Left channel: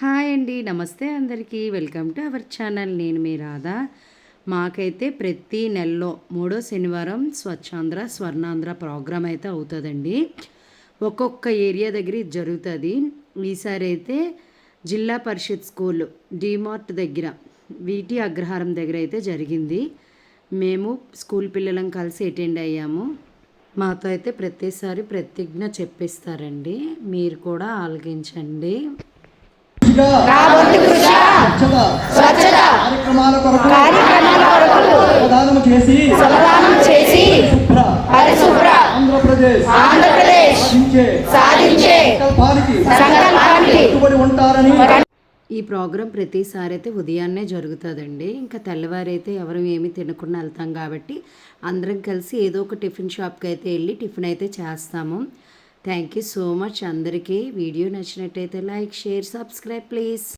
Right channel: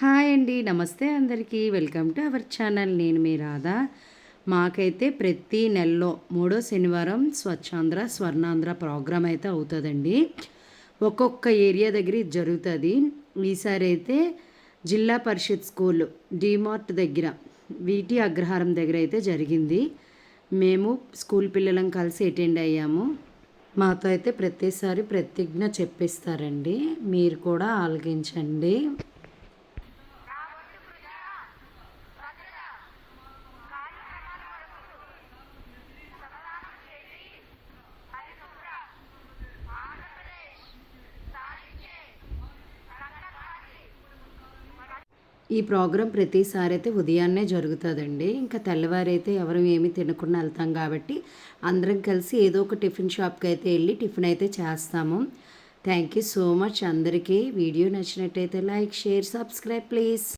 Hi అండి. నమస్తే అందరికీ. Welcome to our channel. నేను మీ రాధా. మాకైతే ప్రతి నెలలో మూడో శనివారం స్వచ్ఛాంధ్ర, స్వర్ణాంధ్ర ప్రోగ్రామ్ అయితే అవుతుందండి. ఒక్కొక్క ఏరియా దగ్గర ఇది జరుగుతుంది. ఈసారి అయితే జిల్లా పరిషత్ స్కూల్ డీమార్ట్ దగ్గర వీటి అగ్రహారం దగ్గర అయితే జరిగింది. మేము స్కూల్ పిల్లలం కలిసి అటెండ్ అయ్యాము. మాతో అయితే ప్రతిసారి ప్రతిజ్ఞ చెప్పిస్తారండి. మీరు కూడా ఆలకించండి. ఈ ప్రోగ్రాం ప్రతిసారి అయితే ఉదయాన్నే జరుగుతుందండి. ఇంకా తెల్లవారైతే ఎవరు ఏమి తినకుండా వెళ్తాం కాబట్టి అందరం కలిసి ఏదో ఒక టిఫిన్ షాప్కి అయితే వెళ్ళి టిఫిన్ అయితే చేస్తాము. థ్యాంక్ యూ సో మచ్ అందరికీ. వీడియో నచ్చినట్టయితే లైక్, షేర్, సబ్స్క్రైబ్ ప్లీజ్.